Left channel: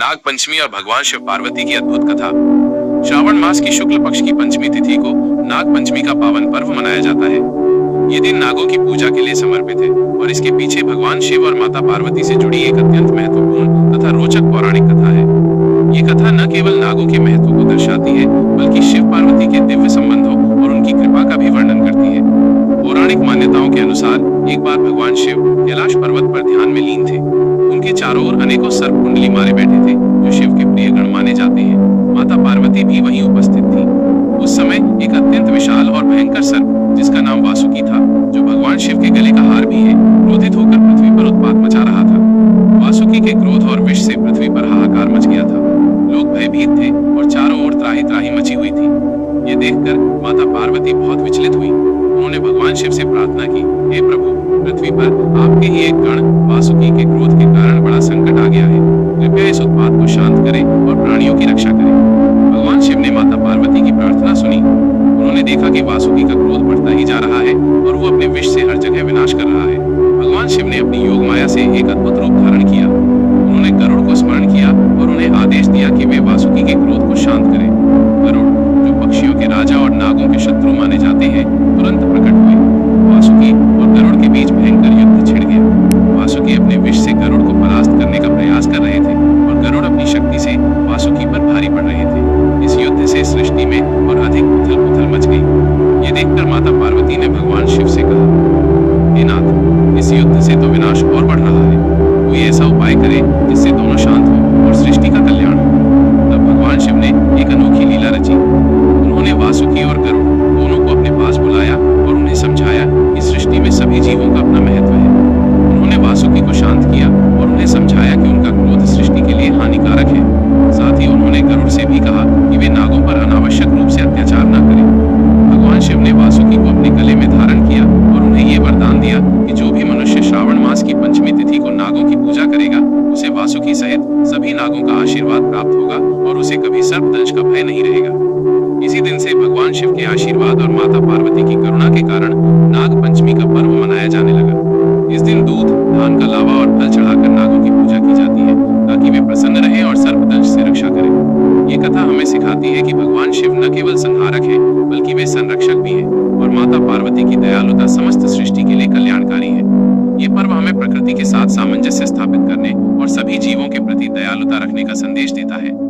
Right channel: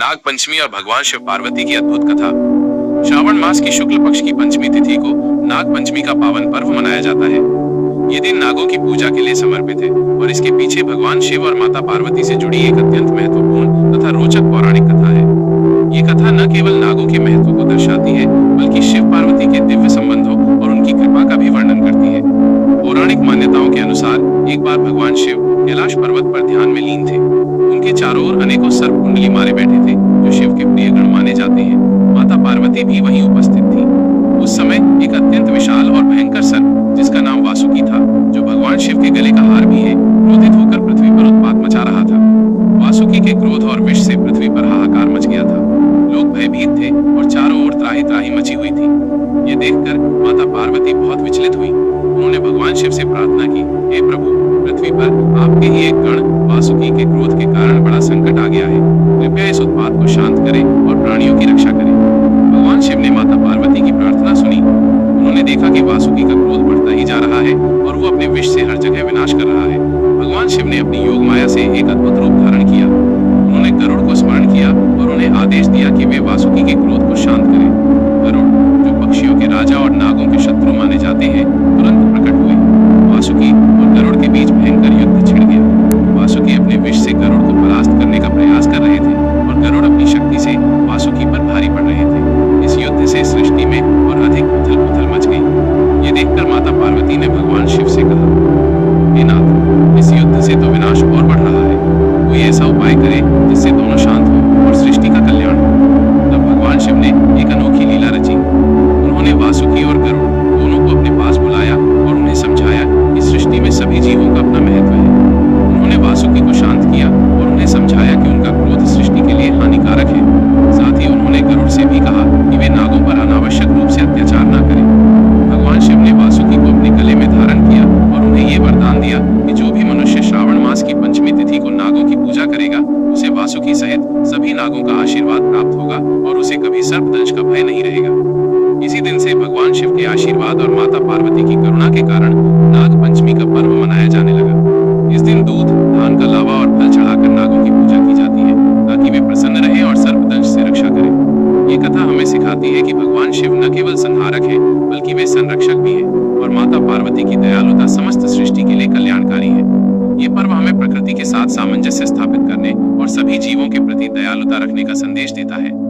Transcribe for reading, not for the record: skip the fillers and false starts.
नाग पंचमी और भगवान शिव पार्वती की अद्भुत कथा। श्रावण मास की शुक्ल पक्ष की पंचमी तिथि को नाग पंचमी का पावन पर्व मनाया जाता है। ये दिन नागों की पूजा के लिए समर्पित है और इसके पीछे भगवान शिव और माता पार्वती से जुड़ी एक अत्यंत महत्वपूर्ण तथा रोचक पौराणिक कथा है। ये कथा न केवल नागों के महत्व को दर्शाती है, बल्कि शिव पार्वती के दिव्य संबंधों और उनकी कृपा का भी वर्णन करती है। पौराणिक मान्यताओं के अनुसार एक बार भगवान शिव कैलाश पर्वत पर ध्यान में लीन थे। उनके चारों ओर अनेकों सर्प कुंडली मारे बैठे थे, जो शिव के प्रिय गण माने जाते हैं। माता पार्वती भी वहीं उपस्थित थी। उस समय एक अत्यंत विशाल और भयंकर सर्प, जिसका नाम वासुकी था, जो भगवान शिव के गले का हार भी है, क्रोधित होकर पृथ्वी पर उत्पात मचा रहा था। वासुकी के क्रोध और विष से पृथ्वी पर हाहाकार मच गया था। लोग भयभीत थे और चारों ओर त्राही त्राही मची हुई थी। ये देखकर माता पार्वती बहुत विचलित हुई। उन्होंने भगवान शिव से प्रार्थना की, हे प्रभु, पृथ्वी पर आपके ही एक गण वासुकी के क्रोध के कारण बड़ा संकट आ गया है। कृपया इस उत्पात को शांत करें और प्राणियों की रक्षा करें। भगवान शिव ने माता पार्वती की प्रार्थना सुनी। उन्होंने देखा कि वासुकी का क्रोध बढ़ता ही जा रहा है और वो अपने विष से हर जगह विनाश कर रहा है। भगवान शिव ने अपनी योग माया से एक अद्भुत रूप धारण किया। उन्होंने गरुड़ को स्मरण किया और उन्हें आदेश दिया कि वे वासुकी के क्रोध को शांत करें। गरुड़, जो पक्षियों के राजा और नागों के शत्रु माने जाते हैं, तुरंत प्रकट हुए। वासुकी और गरुड़ के बीच भयंकर युद्ध छिड़ गया। वासुकी अपने विष से गरुड़ को परास्त करने का प्रयास कर रहे थे और गरुड़ अपनी शक्ति से वासुकी पर भारी पड़ रहे थे। इस युद्ध से सृष्टि में और अधिक उथल-पुथल मच गई। ये देखकर माता पार्वती ने भगवान शिव से कहा, हे नाथ, इस युद्ध से तो विनाश और बढ़ रहा है। कोई ऐसा उपाय करे जिससे दोनों शांत हो और सृष्टि का कल्याण हो। तब भगवान शिव ने एक अनोखी लीला रची। उन्होंने वासुकी और गरुड़ दोनों को अपने पास बुलाया और उन्हें समझाया कि सृष्टि में सभी जीवों का अपना महत्व है। उन्होंने वासुकी को शांत किया और उन्हें समझाया कि उनका क्रोध सृष्टि के लिए हानिकारक है। साथ ही उन्होंने गरुड़ से भी कहा कि वे नागों पर अनावश्यक रूप से अत्याचार न करें। भगवान शिव ने वासुकी को अपने गले में धारण किया और उन्हें ये वरदान दिया कि जो भी मनुष्य श्रावण मास की पंचमी तिथि को नागों की पूजा करेगा, उसे वासुकी सहित सभी नागों का आशीर्वाद प्राप्त होगा और उसे कभी सर्पदंश का भय नहीं रहेगा। इसी दिन से भगवान शिव के आशीर्वाद और माता पार्वती की करुणा के कारण नाग पंचमी का पर्व मनाया जाने लगा। इस दिन दूध, धान का लावा और फल चढ़ाकर नागों की पूजा की जाती है, ताकि वे प्रसन्न रहें और सर्पदंश से रक्षा करें। ये कथा हमें सिखाती है कि भगवान शिव न केवल संहारक हैं, बल्कि वे संरक्षक भी हैं और माता पार्वती की दयालुता समस्त सृष्टि के लिए कल्याणकारी है। ये पर्व हमें प्रकृति के साथ सामंजस्य स्थापित करने और सभी जीवों के प्रति दयालुता रखने का संदेश देता है।